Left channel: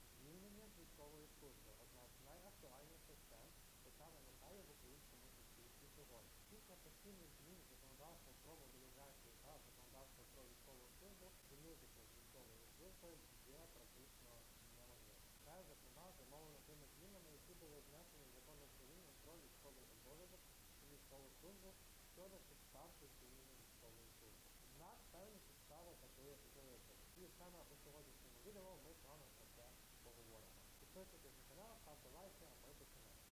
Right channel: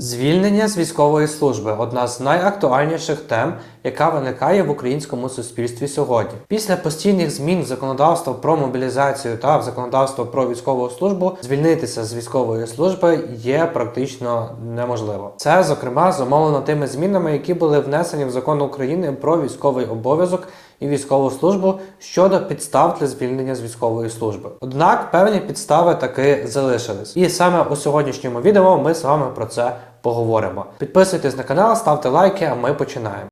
Звільнення з військової служби одна з найактуальніших тем, яка виникає в українському суспільстві сьогодні. Після постійних змін в законодавство про мобілізацію та в законодавство про військову службу звільнитися з військової служби є практично неможливо. Це зокрема зумовлено тими змінами, які були внесені в закон України про військовий обов'язок і військову службу щодо підстав для звільнення з військової служби. Однак певні підстави таки залишились. І саме у сьогоднішньому відео ми з вами про це поговоримо. Підписуйтесь на канал, ставте лайки, а ми починаємо.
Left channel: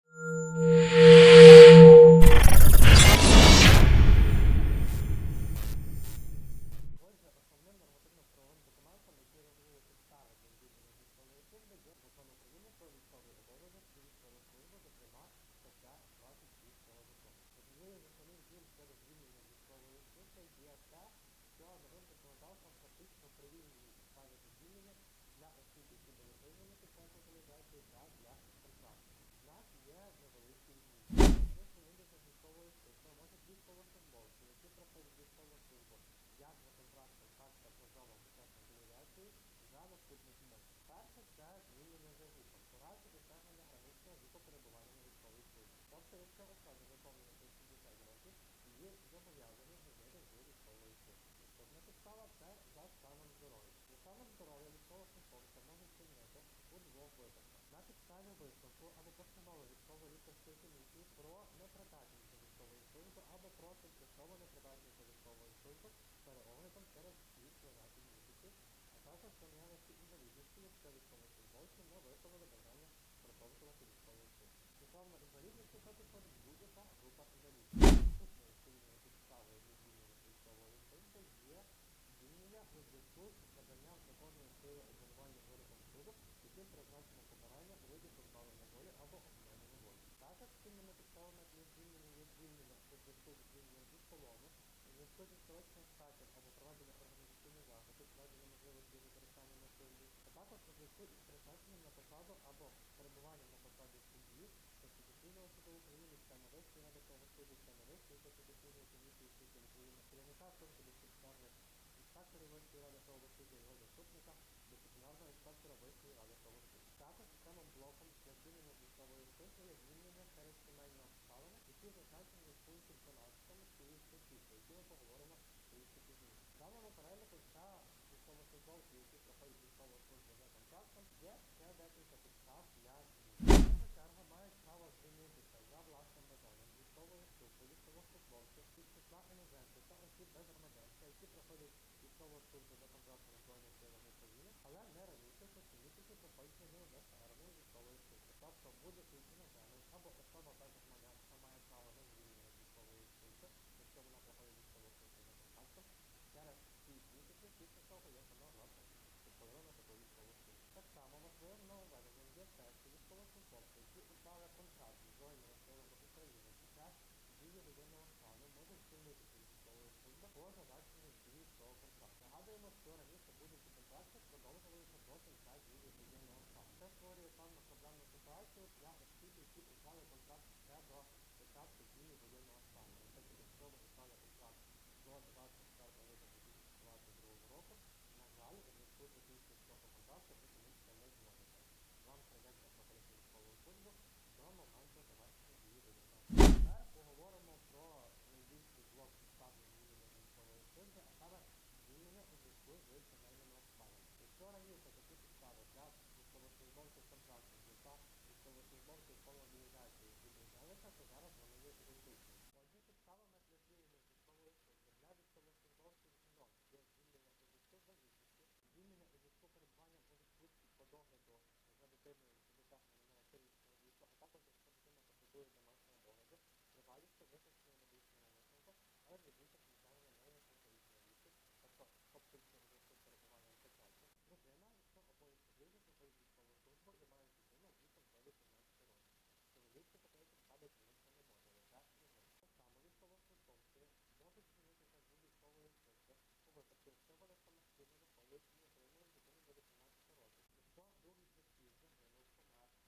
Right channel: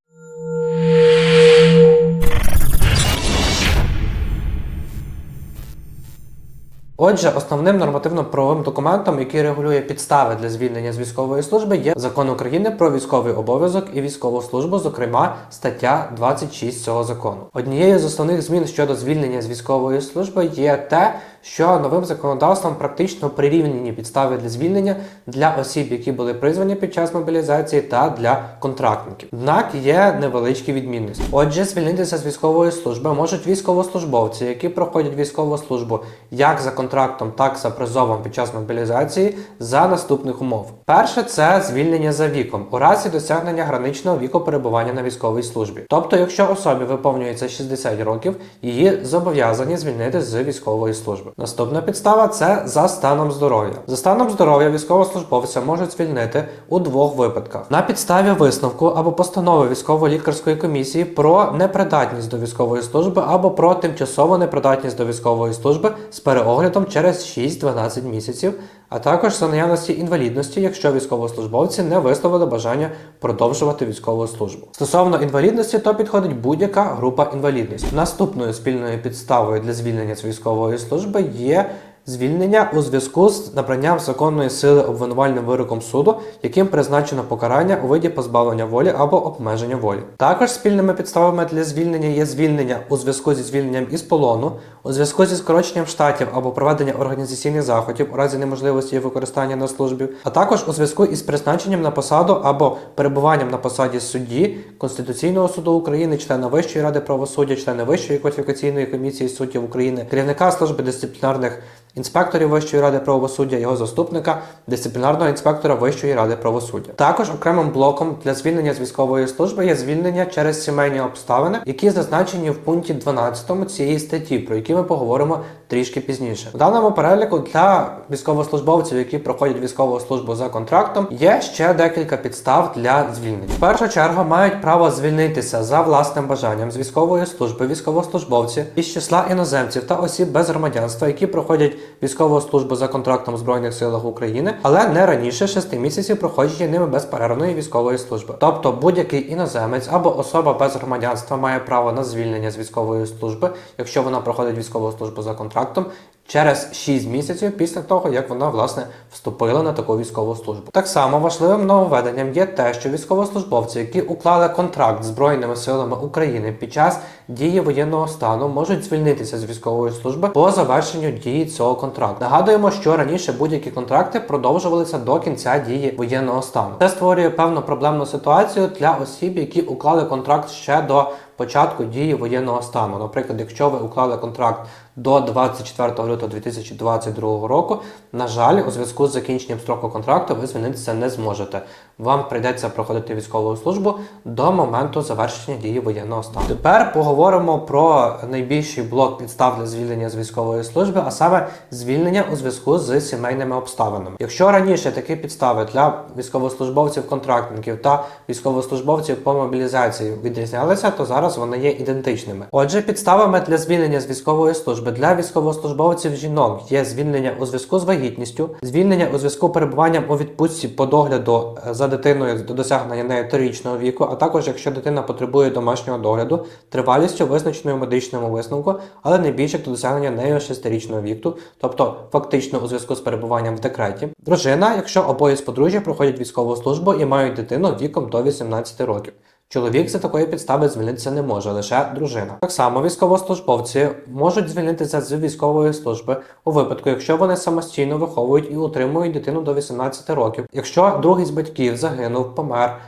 Отже, основним нормативно-правовим документом, який регулює підстави для звільнення з військової служби, є закон України про військовий обов'язок і військову службу, зокрема стаття 26 цього закону. Однією з основних змін щодо звільнення з військової служби є те, що новим законодавством практично прирівняні підстави для звільнення для осіб, які були призвані під час мобілізації, та для контрактників. Однак є невеличкі відмінності. Отже, звільнитися з військової служби можуть військовослужбовці, які проходять військову службу як за контрактом, так і за призовом під час мобілізації за наступних умов. Перше це звільнення за віком у разі досягнення граничного віку перебування на військовій службі. Тобто, якщо особі виповнюється 60 років, її зобов'язані звільнити з військової служби. Наступна підстава це за станом здоров'я. За станом здоров'я військовослужбовця можуть звільнити у двох випадках: на підставі висновку або постанови військово-лікарської комісії про непридатність до військової служби або про тимчасову непридатність до військової служби з переоглядом через 6-12 місяців. А також за наявності інвалідності, якщо військовослужбовці не висловили бажання продовжувати військову службу. Стосовно інвалідності, то підходить будь-яка група інвалідності. Наступною спільною підставою для звільнення з військової служби є звільнення у зв'язку з набранням законної сили обвинувальним вироком суду, яким призначено покарання у виді позбавлення волі або обмеження волі. Також спільними підставами для звільнення є звільнення у зв'язку зі звільненням із полону, у зв'язку зі скороченням штатів або проведення організаційних заходів у разі неможливості використання на службі, а також у зв'язку із призначенням на посаду або перебуванням на посаді судді Конституційного суду України, члена Вищої ради правосуддя, члена Вищої кваліфікаційної комісії суддів України, керівника служби дисциплінарних інспекторів Вищої ради правосуддя, його заступника, дисциплінарного інспектора Вищої ради правосуддя. Також окремим блоком для звільнення з військової служби є звільнення через сімейні обставини, які зазначені в пункті 12 цієї статті, про які ми поговоримо трішки пізніше. У даному переліку для військовослужбовців, які проходять військову службу за контрактом, є ще декілька підстав для звільнення. В першу чергу мають право звільнитися за власним бажанням з військової служби військовослужбовці із числа іноземців та осіб без громадянства, які проходять військову службу за контрактом в Збройних силах України, але не раніше 6 місяців проходження ними безперервної військової служби. Тобто будь-який іноземець або особа без громадянства має право на звільнення з військової служби, якщо вона проходить військову службу за контрактом. Через 6 місяців після того, як вона власне вступила на таку військову службу. Так само важливим нововведенням є те, що військовослужбовці, які уклали контракт з Збройними силами України під час дії воєнного стану, можуть звільнитися з військової служби по завершенню дії цього контракту. Нагадуємо, що раніше будь-які контракти продовжувалися до кінця дії воєнного стану. Це створює певну проблемну ситуацію для осіб, які уклали контракт ще до початку дії воєнного стану. Наприклад, якщо ви уклали контракт до 24 лютого 2022 року, на жаль, у зв'язку з закінченням строку контракту ви звільнитися не зможете. Вам прийдеться проходити військову службу до моменту завершення дії воєнного стану. Тепер поговоримо про найбільший блок підстав для звільнення з військової служби, а саме звільнення у зв'язку з сімейними обставинами. Якщо раніше такі підстави для військовослужбовців-контрактників та військовослужбовців по мобілізації відрізнялися, то зараз вони є ідентичними. Отже, підставами для звільнення з військової служби для військовослужбовців жінок є звільнення у зв'язку з вагітністю, звільнення у зв'язку перебуванням у відпустці по догляду е, дитиною до досягнення нею трирічного віку, а також якщо дитина потребує домашнього догляду, тривалістю визначеною в медичному висновку, але не більше до досягнення нею шестирічного віку, тобто фактично у зв'язку з перебуванням в декреті. Дружина, якщо обоє з подружжя проходять військову службу і мають дитину віком до 18 років. Чоловік за такої підстави звільнитися не може, лише дружина. Так само військовослужбовці можуть звільнитися з військової служби у випадку, якщо вони самостійно виховують і утримують дитину до 18 років. Якщо другий з батьків загинув, помер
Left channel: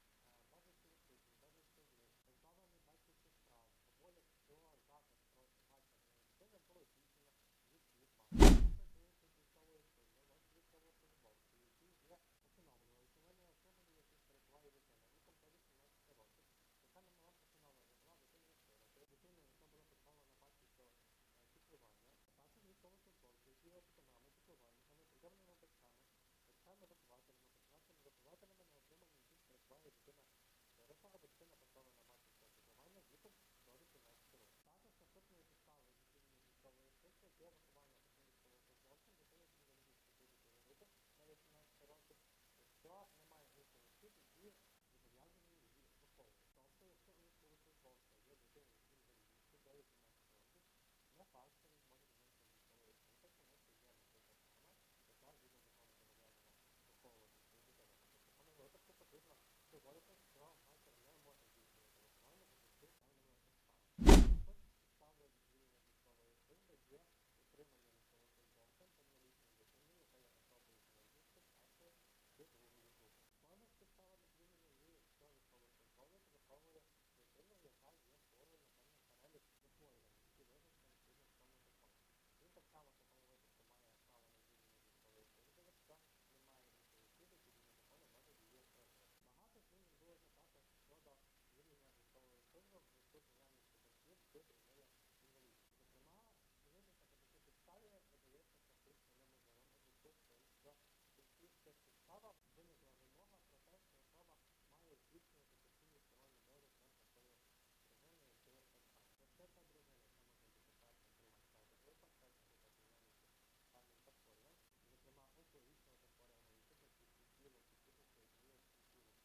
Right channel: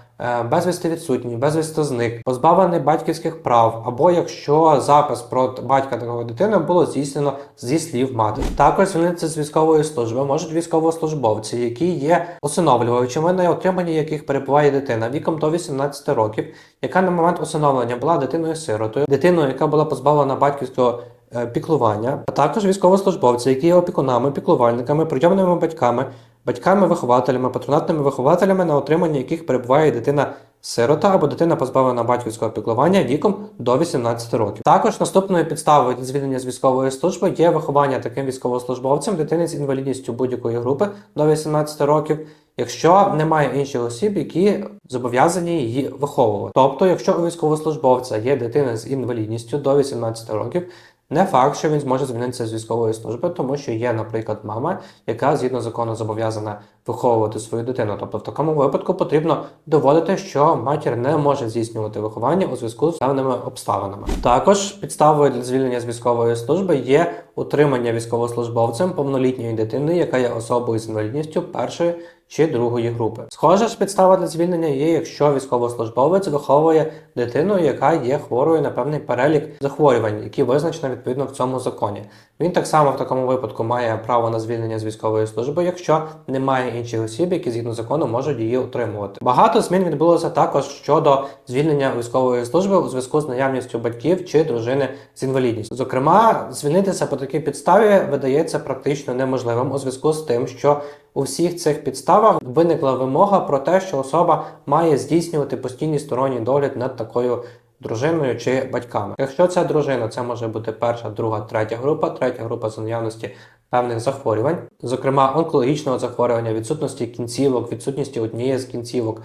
безвісти відсутній, безвісти зник, позбавлений батьківських прав, або якщо запис про батька такої дитини було здійснено зі слів матері. Також звільнитися з військової служби можуть військовослужбовці, які є усиновлювачами, на отриманні яких перебуває дитина віком до 18 років, яка на момент усиновлення була дитиною-сиротою, дитиною, яка була позбавлена батьківського е, піклування, а також військовослужбовці, які є опікунами, піклувальниками, прийомними батьками, батьками-вихователями, патронатними вихователями, на отриманні яких перебуває дитина. Сирота або дитина позбавлена батьківського піклування віком до 18 років. Також наступною підставою звільнення з військової служби є виховання таким військовослужбовцем дитини з інвалідністю будь-якої групи до 18 років, якщо немає інших осіб, які зобов'язані її виховувати. Тобто, якщо у військовослужбовця є дитина з інвалідністю до 18 років, не факт, що він зможе звільнитися з військової служби, тому що є, наприклад, мама, яка згідно закону зобов'язана виховувати свою дитину. Тобто, в такому випадку потрібно доводити, що матір не може здійснювати виховання у зв'язку з певними обставинами. Також підставою для звільнення з військової служби є утримання військовослужбовцем повнолітньої дитини, яка є особою з інвалідністю першої чи другої групи. Схожа ж підстава для звільнення є, якщо військовослужбовець виховує дитину, яка є хворою на певний перелік захворювань, які визначено відповідно в цьому законі. Він так само в такому випадку має право на звільнення з військової служби, якщо немає інших осіб, які згідно закону можуть її утримувати. Багато змін відбулося також щодо звільнення військової служби у зв'язку з наявністю батьків чи дружини з інвалідністю. Зокрема, звільнитися по такій підставі видається практично неможливим у зв'язку з тим, що у всіх цих підставах виникла вимога про те, що особа має здійснювати постійний сторонній догляд над такою дружиною чи батьками. Якщо це дружина, це може бути перша, друга, третя група, третя група за наявності певних захворювань, зокрема онкологічного захворювання, відсутності кінцівок, відсутності однієї з кінцівок.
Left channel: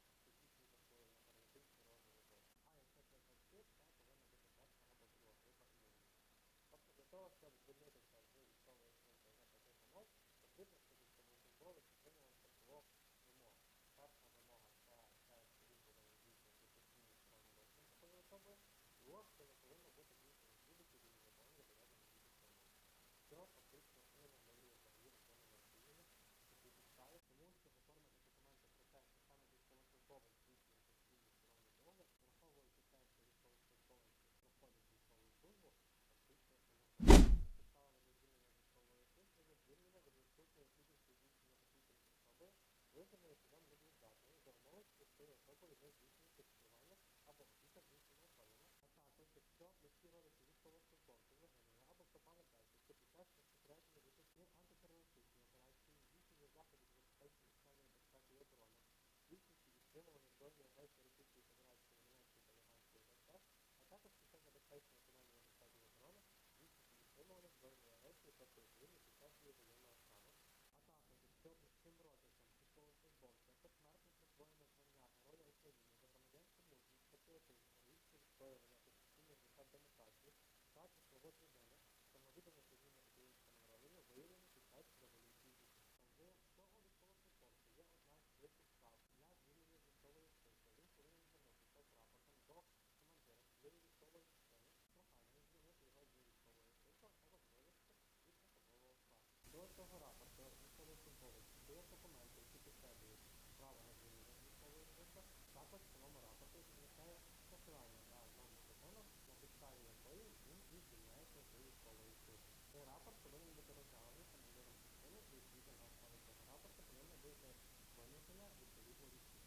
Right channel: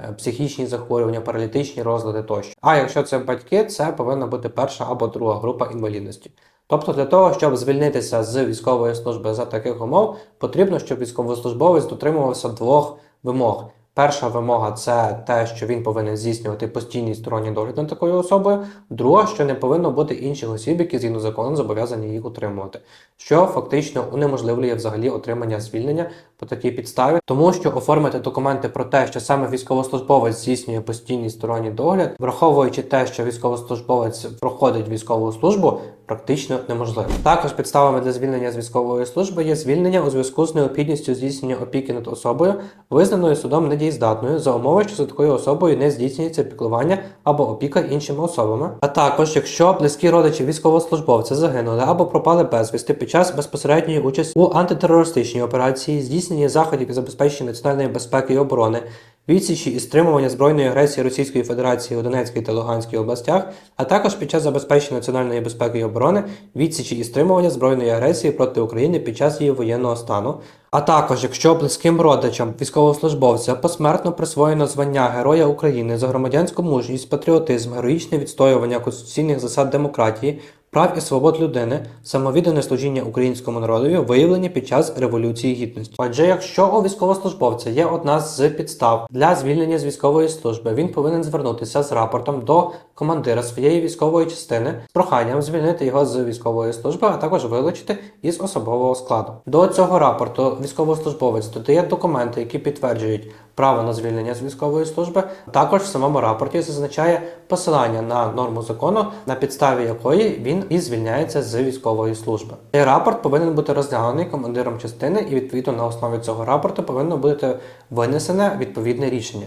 е, Психічні захворювання, паралітичні розлади тощо. А якщо це батьки, це повинна бути перша або друга група інвалідності. Тобто для того, щоб звільнитися з військової служби за таких умов, потрібно, щоб військовослужбовець дотримувався двох вимог. Перша вимога це те, що він повинен здійснювати постійний сторонній догляд над такою особою. Друга, що не повинно бути інших осіб, які згідно закону зобов'язані їх утримувати, що фактично унеможливлює взагалі отримання звільнення по такій підставі, тому що оформити документи про те, що саме військовослужбовець здійснює постійний сторонній догляд, враховуючи те, що військовослужбовець проходить військову службу, практично неможливо. Також підставами для звільнення з військової служби є звільнення у зв'язку з необхідністю здійснення опіки над особою, визнаною судом недієздатною за умови, що за такою особою не здійснюється піклування або опіка іншими особами. А також, якщо близькі родичі військовослужбовця загинули або пропали безвісти під час безпосередньої участі у антитерористичній операції, здійснення заходів і забезпечення національної безпеки і оборони. Відсічі і стримування збройної агресії Російської Федерації у Донецькій та Луганській областях, а також під час забезпечення національної безпеки і оборони, відсічі і стримування збройної агресії проти України під час її воєнного стану, а також якщо близьким родичам військовослужбовця посмертно присвоєно звання Героя України за громадянську мужність, патріотизм, героїчне відстоювання конституційних засад демократії, прав і свобод людини, самовіддане служіння українському народові, виявлені під час революції гідності. Отже, якщо у військовослужбовця є одна з підстав для звільнення з військової служби, він повинен звернутися з рапортом до командира своєї військової частини з проханням звільнити його з військової служби, а також вилучити із особового складу. До цього рапорту військовослужбовець додає документи, які підтверджують право на звільнення з військової служби. Також в самому рапорті зазначає посилання на норму закону, на підставі якої він і звільняється з військової служби. Цей рапорт повинен бути розглянений командиром частини, і відповідно на основі цього рапорту повинно бути винесене відповідне рішення.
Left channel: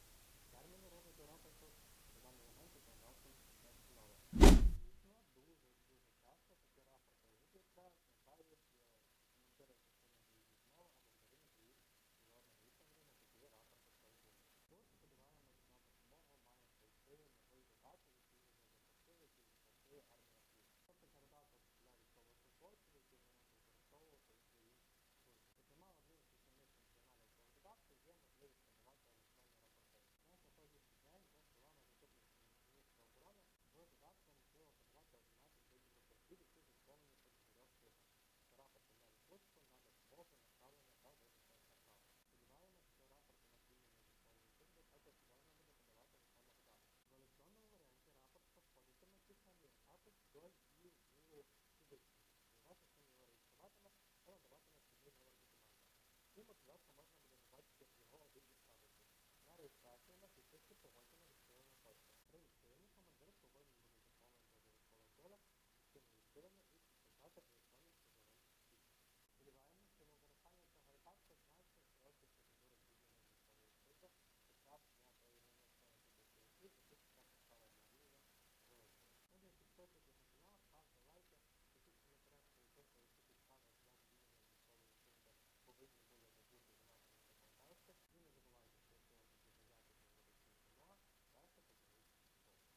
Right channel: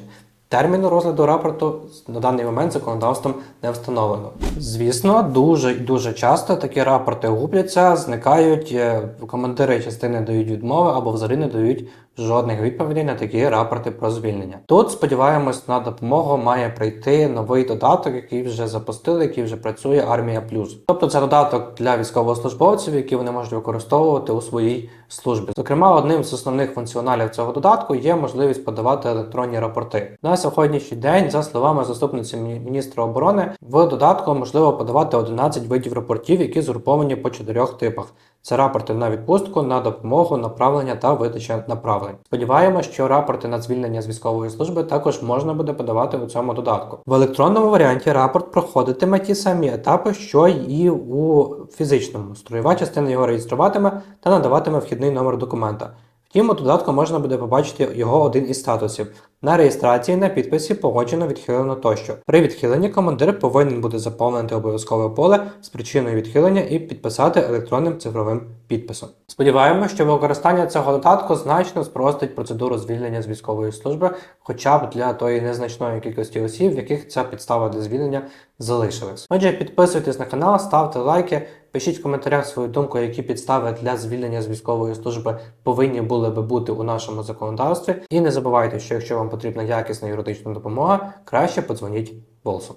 Терміну розгляду рапорту на даний момент законодавством не встановлено. Звісно, дуже і дуже часто такі рапорти губляться, зникають, е, командири частини дають відмови або взагалі не дають жодних відповідей на такі рапорти про звільнення. Тут сподіваємось на допомогу має прийти новий додаток, який вже запустили, який вже працює Армія Плюс. Тобто це додаток для військовослужбовців, які вони можуть використовувати у своїй службі. Зокрема, одним з основних функціоналів цього додатку є можливість подавати електронні рапорти. На сьогоднішній день, за словами заступниці міністра оборони, в додатку можливо подавати 11 видів рапортів, які згруповані по чотирьох типах. Це рапорти на відпустку, на допомогу, направлення та видача направлень. Сподіваємося, що рапорти на звільнення з військової служби також можна буде подавати у цьому додатку. В електронному варіанті рапорт проходитиме ті самі етапи, що і у фізичному. Строєва частина його реєструватиме та надаватиме вхідний номер документа. Втім, у додатку можна буде побачити його один із статусів. На реєстрації, на підписі погоджено, відхилено тощо. При відхиленні командир повинен буде заповнити обов'язкове поле з причиною відхилення і підписати електронним цифровим підписом. Сподіваємося, що використання цього додатку значно спростить процедуру звільнення з військової служби, хоча б для тої незначної кількості осіб, в яких ця підстава для звільнення залишилась. Отже, підписуйтесь на канал, ставте лайки, пишіть в коментарях свою думку, які підстави для звільнення з військової служби повинні були би бути у нашому законодавстві. І не забувайте, що якщо вам потрібна якісна юридична допомога, краще подзвоніть Волсу.